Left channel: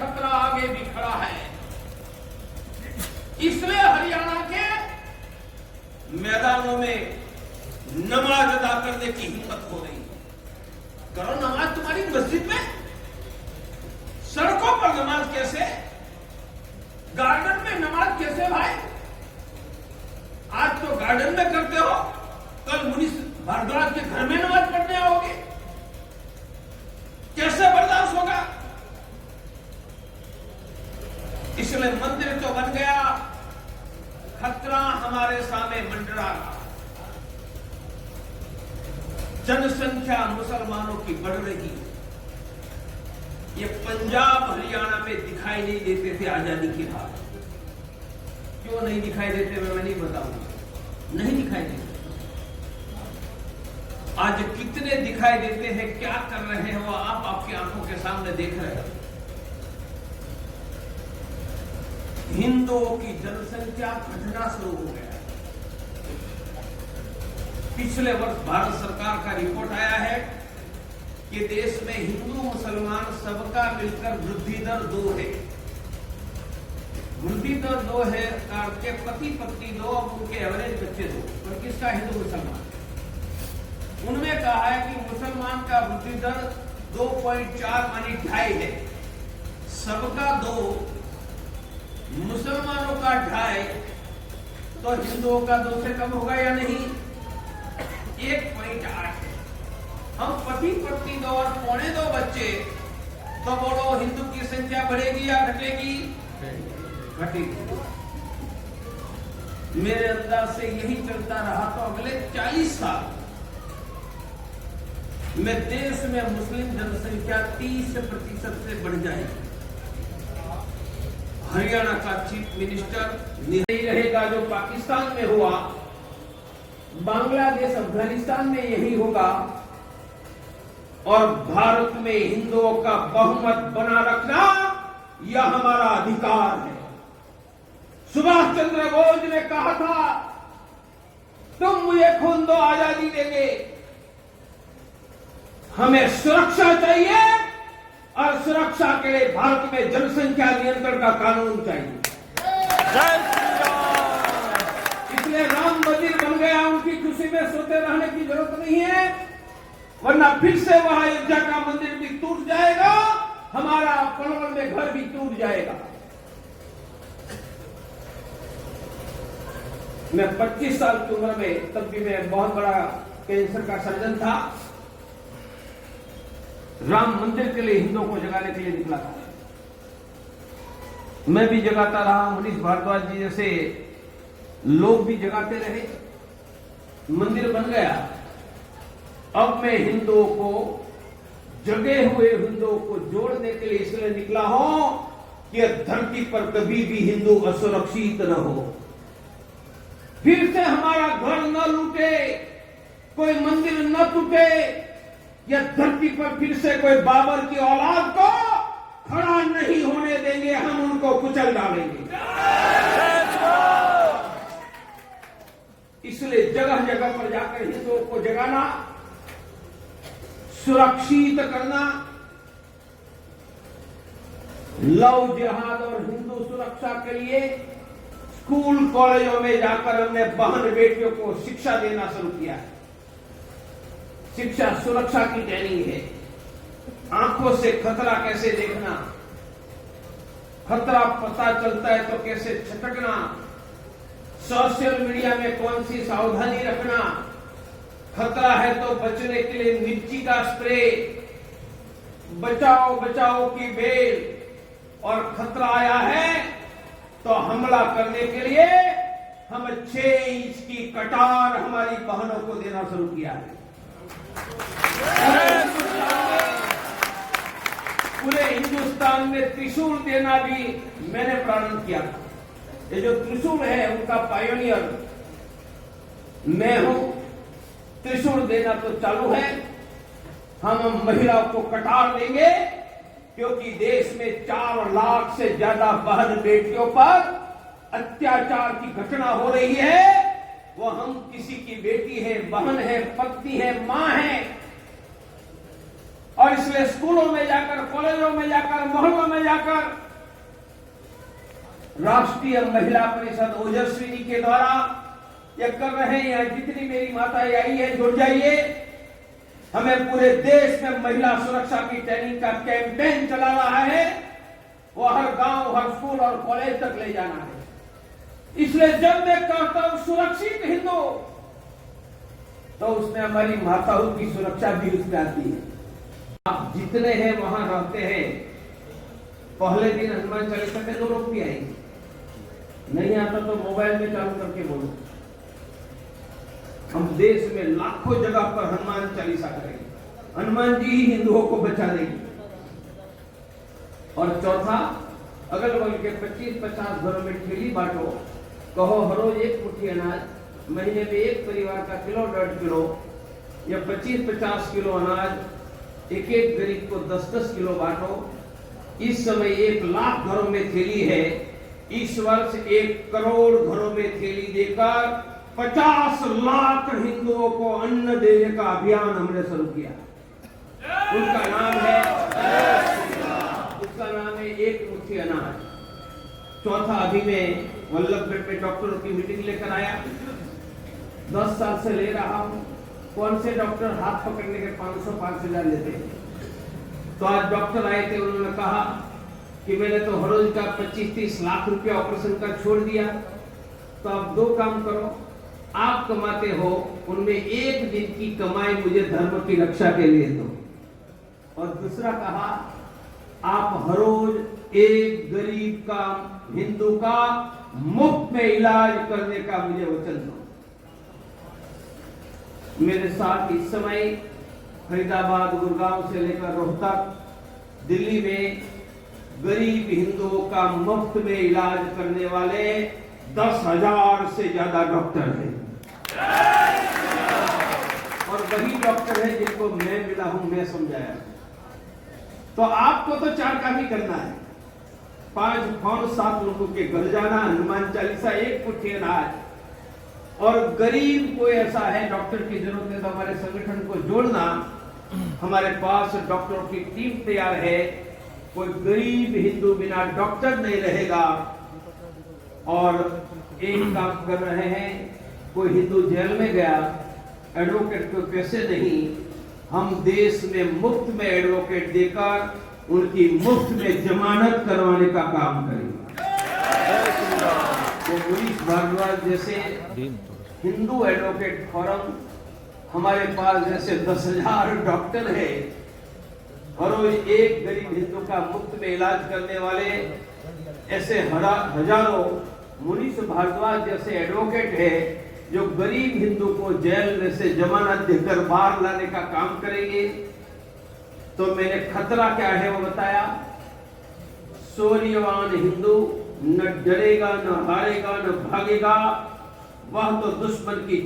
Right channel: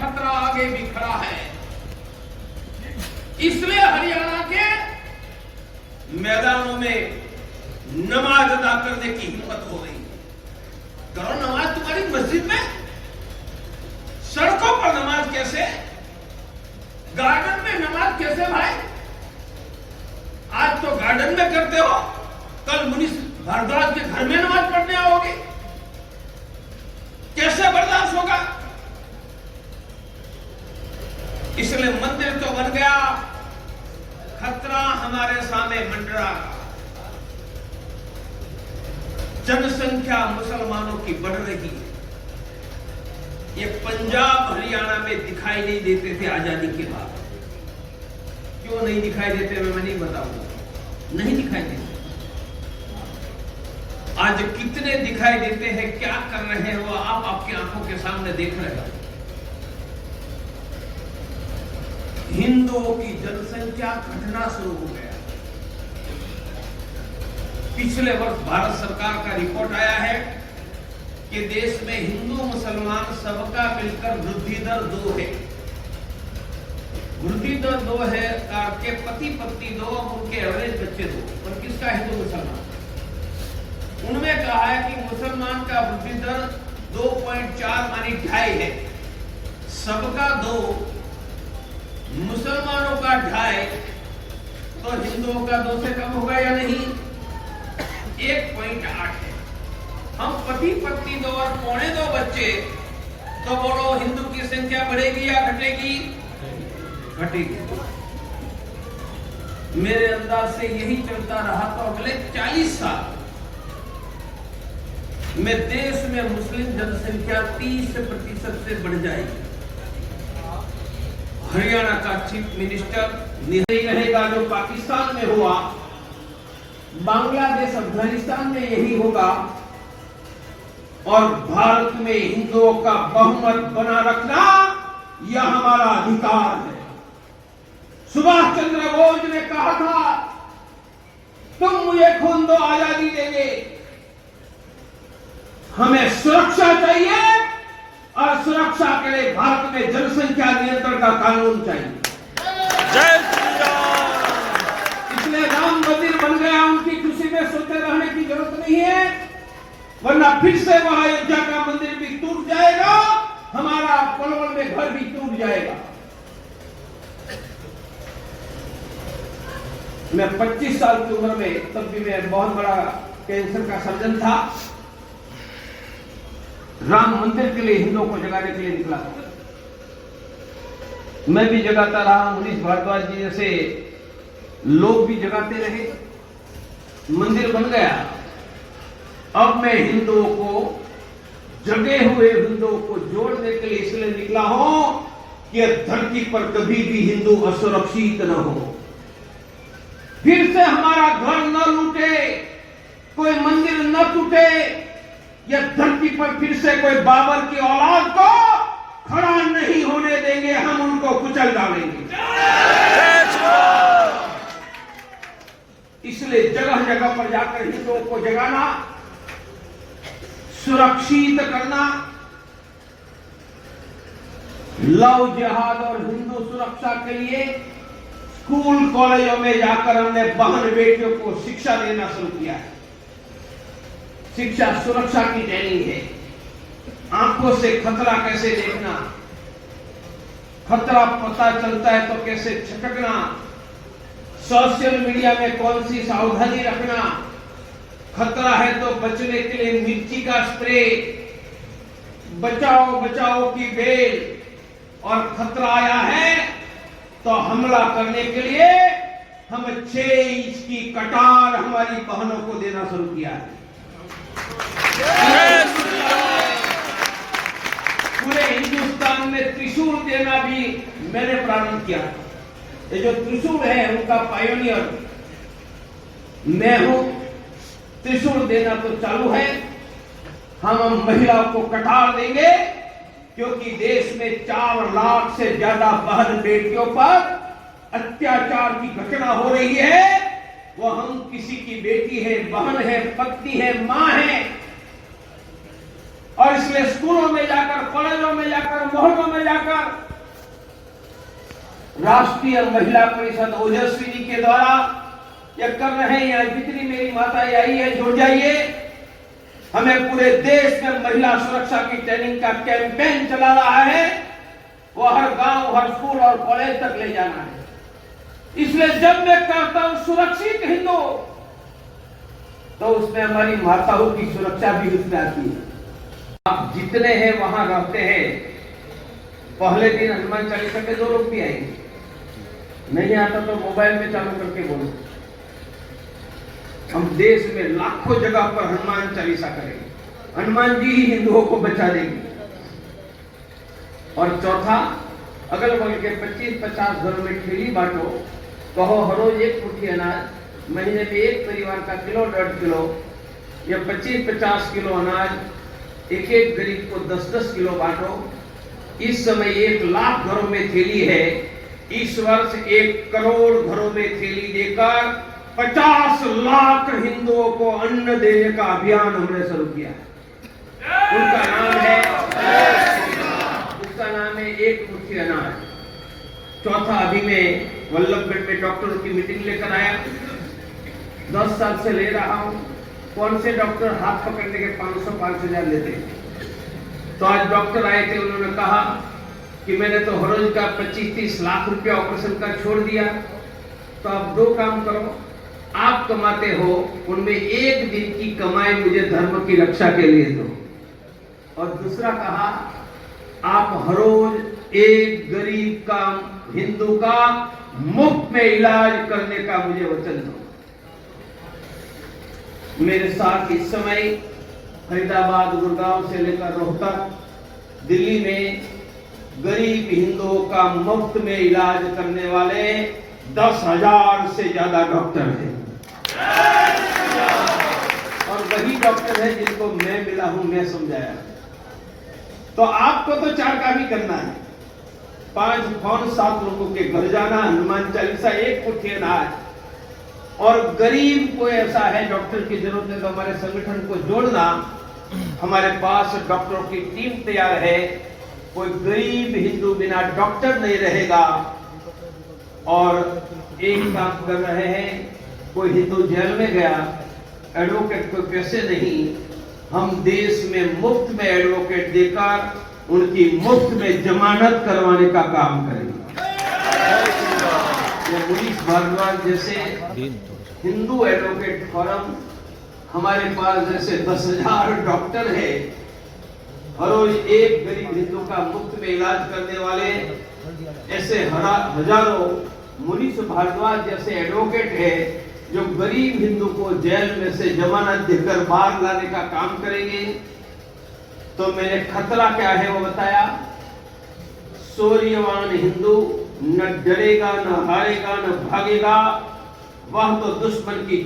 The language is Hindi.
खतरा आगे भी खड़ा है। इसलिए हरियाणा के मैदानों में नमाज अदा करने की हिम्मत हो रही है। करो नमाज तुम्हारी मस्जिद में, सड़कों पर नमाज कैसे, गार्डन में नमाज कैसे भाई? आज तो गार्डन में करते हो, कल मुनीष भारद्वाज के घर में नमाज पढ़ने आओगे, कैसे बर्दाश्त होगा? इसलिए मंदिर तो बन गया, खतरा हमारे सामने मंडरा। जनसंख्या मुसलमानों की बढ़ रही है। ये पंजाब हरियाणा में दिखाई नहीं देते थे आजादी के बाद। क्यों नहीं दिखाई देते मैं नहीं बताऊंगा, नहीं दिखाई देते। आज कितने दिखाई देते हैं, क्या कर रहे हैं वो आप आपकी आंखों के सामने देख रहे हैं। हिंदुओं की जनसंख्या घटना शुरू हो गया। पिछले वर्ष भारत सरकार का रिपोर्ट आया है कि देश में हिंदू मुसलमान सबका मिलकर वृद्धि दर 2 है। वृद्धि दर 2 है के पति पत्नी 2, उनके एवरेज बच्चे 2। पर किसका हिंदू मुसलमान? उनमें कहा है कि मुसलमान का वृद्धि दर 2.4 मानी 2.5 है, सबका 2, मुसलमानों का 2.5, तो हिंदुओं का 2 से कम होगा या नहीं? 1.8 है। हम पति पत्नी 2 और 2.25 बच्चे, तो बोलो हिंदू की संख्या बढ़ेगी या घटेगी? घटेगी। मेरे अंदाज से यही चलता रहा तो अगले 40 साल में देश में मुस्लिम जनसंख्या 30% से बढ़ जाएगी। हरियाणा का चीफ मिनिस्टर नहीं रहेगा जो पाकिस्तान में हुआ, बांग्लादेश अफगानिस्तान में यही होगा, और भारत में हिंदुओं का बहुमत बना रखना यह हमारा अधिकार है। सुभाष चंद्र बोस ने कहा था, तुम मुझे खून दो आजादी देंगे। हमें सुरक्षा चाहिए और सुरक्षा के लिए भारत में जनसंख्या नियंत्रण का कानून चाहिए। जय श्री राम। इसलिए राम मंदिर बन गया, उनकी खुशी में सोते रहने की जरूरत नहीं है, वरना फिर से वहां अयोध्या का मंदिर भी टूट जाएगा, हमारा पलवल में घर भी टूट जाएगा। मैं 25 साल की उम्र में, तब भी मैं बहुत बड़ा कैंसर का सर्जन था, राम मंदिर के लिए हिंदुओं को जगाने के लिए निकला था। मैं भी जगाता रहा, मुनीष भारद्वाज जी जैसे लोग भी जगाते रहे, मंदिर बन गया। अब मैं हिंदुओं को, जगे हुए हिंदुओं को जोड़ने के लिए इसलिए निकला हूं कि धरती पर कभी भी हिंदू असुरक्षित न हो, फिर से हमारा घर न लूटे, कोई मंदिर न टूटे, या धरती पर फिर से कोई बाबर की औलाद को खड़ा नहीं होने देंगे, हम उनको कुचल डालेंगे। इसलिए जगह जगह पर जाकर हिंदुओं को जगाना, सुरक्षित करना, लव जिहाद और हिंदू सुरक्षा के लिए स्कूल कॉलेजों में जाकर हमने बहन बेटियों को शिक्षा देना शुरू किया है। शिक्षा सुरक्षा की ट्रेनिंग है, आंखों से खतरा कैसे देखना, खतरा पता चलता है तो कैसे छटकना, सोशल मीडिया में कौन सी सावधानी रखना, खतरा है तो बचने के लिए मिर्ची का स्प्रे, बचाओ बचाओ की बेल, और खतरा आया है तो हमला करने के लिए हम 6 इंच की कटार हमारी बहनों को देना शुरू किया है। पूरे हिंदुस्तान में त्रिशूल देना भी मैंने प्रारंभ किया। ये जो त्रिशूल है उनका पायोनियर मैं हूं। त्रिशूल देना तो चालू है, हम महिलाओं को कटार देंगे, क्योंकि देश में 4 लाख से ज्यादा बहन बेटियों पर अत्याचार की घटना हो रही है। वो हम किसी की बेटी है, बहन है, पत्नी है, मां है, और इसलिए स्कूलों में जाकर, कॉलेजों बाजारों में जाकर, मोहल्लों में जाकर राष्ट्रीय महिला परिषद ओजस्विनी के द्वारा यह कर रहे हैं। जितनी मेरी माता आई है, जुड़ जाइए। हमें पूरे देश में महिला सुरक्षा की ट्रेनिंग का कैंपेन चला रहा है। वो हर गांव, हर स्कूल और कॉलेज तक ले जाना है। इसलिए जब मैं कहता हूं सुरक्षित हिंदू, तो उसमें हमारी माताओं की सुरक्षा भी उसमें आती है। आप जितने हैं वहां रहते हैं, पहले दिन हनुमान चालीसा में 2 लोग भी आएंगे। नहीं आता तो मोबाइल में चालू करके बोलो। हम देश में लाखों जगह पर हनुमान चालीसा करेंगे। हनुमान जी ही हिंदुओं को बचा देंगे। और चौथा, अगल बगल के 25-50 घरों में ठेली बांटो। कहो हर रोज 1 मुट्ठी अनाज, महीने में एक परिवार का किलो 1.5 किलो या 25-50 किलो अनाज एक गरीब को 10-10 किलो बांटो। इस समय 1 लाख घरों में थैली है। इस वर्ष 1 करोड़ घरों में थैली देकर 50 लाख हिंदुओं को अन्न देने का अभियान हमने शुरू किया। उनका नाम है एक मुट्ठी अनाज। चौथा, अभी मैं वल्लभगढ़ में डॉक्टरों की मीटिंग लेकर आया। 10 साल से ले रहा हूं। कौन से डॉक्टर हाथ पकड़ने के 500-5,000 लेते हैं? तो आज डॉक्टर आए थे, उन्होंने कहा कि मैंने तो हर रोज का 25-30 लाख रुपया ऑपरेशन का छोड़ दिया। तो आप 2 काम करो, आप कमाते हो, उनमें 1 दिन की कमाई मुझे धर्म की रक्षा के लिए दो। और दूसरा कहा, आप हर रोज एक गरीब का, हिंदू का मुफ्त में इलाज करने का मुझे वचन दो। मेरे साथ इस समय फरीदाबाद, गुड़गांव से लेकर रोहतक, दिल्ली में गरीब हिंदुओं का मुफ्त में इलाज करने वाले 10,000 से ज्यादा डॉक्टर हैं। और वही डॉक्टर है जिनको मैं मिला हूं, मैं समझाया। तो आपको तो 4 काम ही करना है। 5 फोन 7 लोगों के घर जाना, हनुमान चालीसा, 1 मुट्ठी अनाज। और गरीब कोई ऐसा है डॉक्टर की जरूरत है तो हमारे संगठन को जोड़ना। हमारे पास डॉक्टरों की टीम तैयार है। कोई गरीब हिंदू बिना डॉक्टर नहीं रहेगा। और एक काम कर रहे हैं, कोई हिंदू जेल में गया, एडवोकेट को पैसे नहीं, हम देश में मुफ्त में एडवोकेट देकर उनकी मुफ्त में जमानत करवाने का काम करेंगे। मुनीष भारद्वाज जैसे हिंदू एडवोकेट फोरम, हमारे पास जैसे 10,000 डॉक्टर है। हर रोज एक गरीब हिंदू का मुफ्त में इलाज करने वाले ऐसे हजारों मुनीष भारद्वाज जैसे एडवोकेट है जो गरीब हिंदू को जेल में से जमानत देकर बाहर लाने का काम करेंगे। तो मैंने खतरा क्या है वो बताया। शौर्यवान हिंदू न डरेगा, न हारेगा, न भागेगा। वह तो दुश्मन की